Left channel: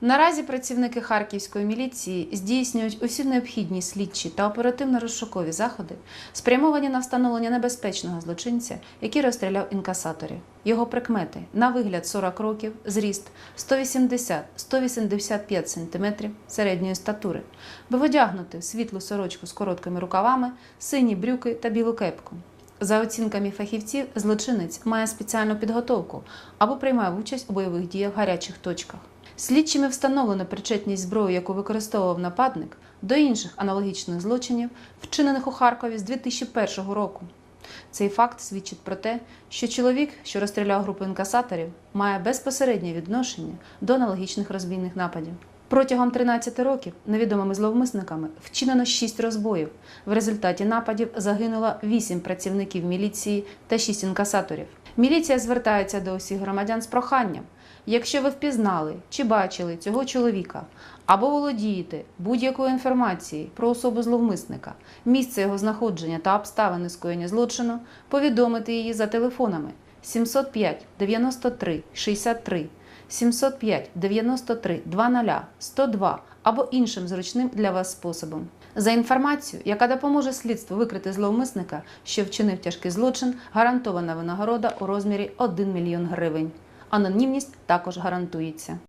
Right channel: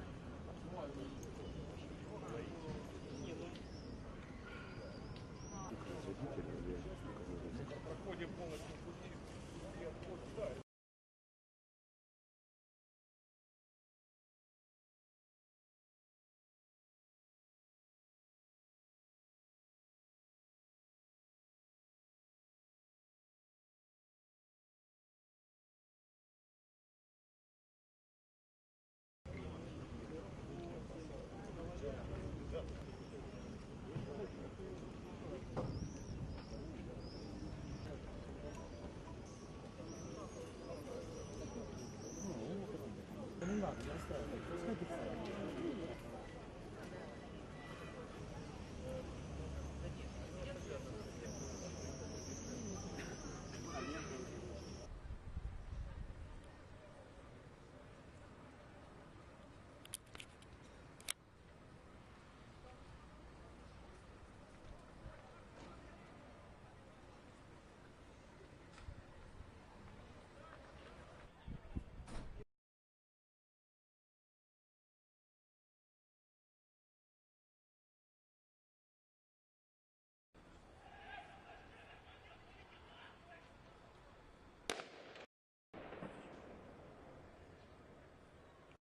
Наразі працівники харківської міліції здійснюють усі необхідні слідчі та оперативно-розшукові заходи, спрямовані на встановлення небезпечного злочинця, який розстріляв інкасаторів. Його прикмети на вигляд 40 років, зріст 180-185 см середньої статури, був одягнутий в світлу сорочку з короткими рукавами, сині брюки та білу кепку. За оцінками фахівців, злочинець має спеціальну підготовку або приймає участь у бойових діях в гарячих точках. Слідчими встановлено причетність зброї, яку використовував нападник, до інших аналогічних злочинів, вчинених у Харкові з 2001 року. Цей факт свідчить про те, що чоловік, що розстріляв групу інкасаторів, має безпосереднє відношення до аналогічних розбійних нападів. Протягом 13 років невідомими зловмисниками вчинено 6 розбоїв. В результаті нападів загинуло 8 працівників міліції та 6 інкасаторів. Міліція звертається до усіх громадян з проханням. Якщо ви впізнали чи бачили цього чоловіка або володієте будь-якою інформацією про особу зловмисника, місце його знаходження та обставини скоєння злочину, повідомити її за телефонами 705 93 63 705 93 00 102 або іншим зручним для вас способом. За інформацію, яка допоможе слідству викрити зловмисника, що вчинив тяжкий злочин, гарантована винагорода у розмірі 1 мільйон гривень. Анонімність також гарантується.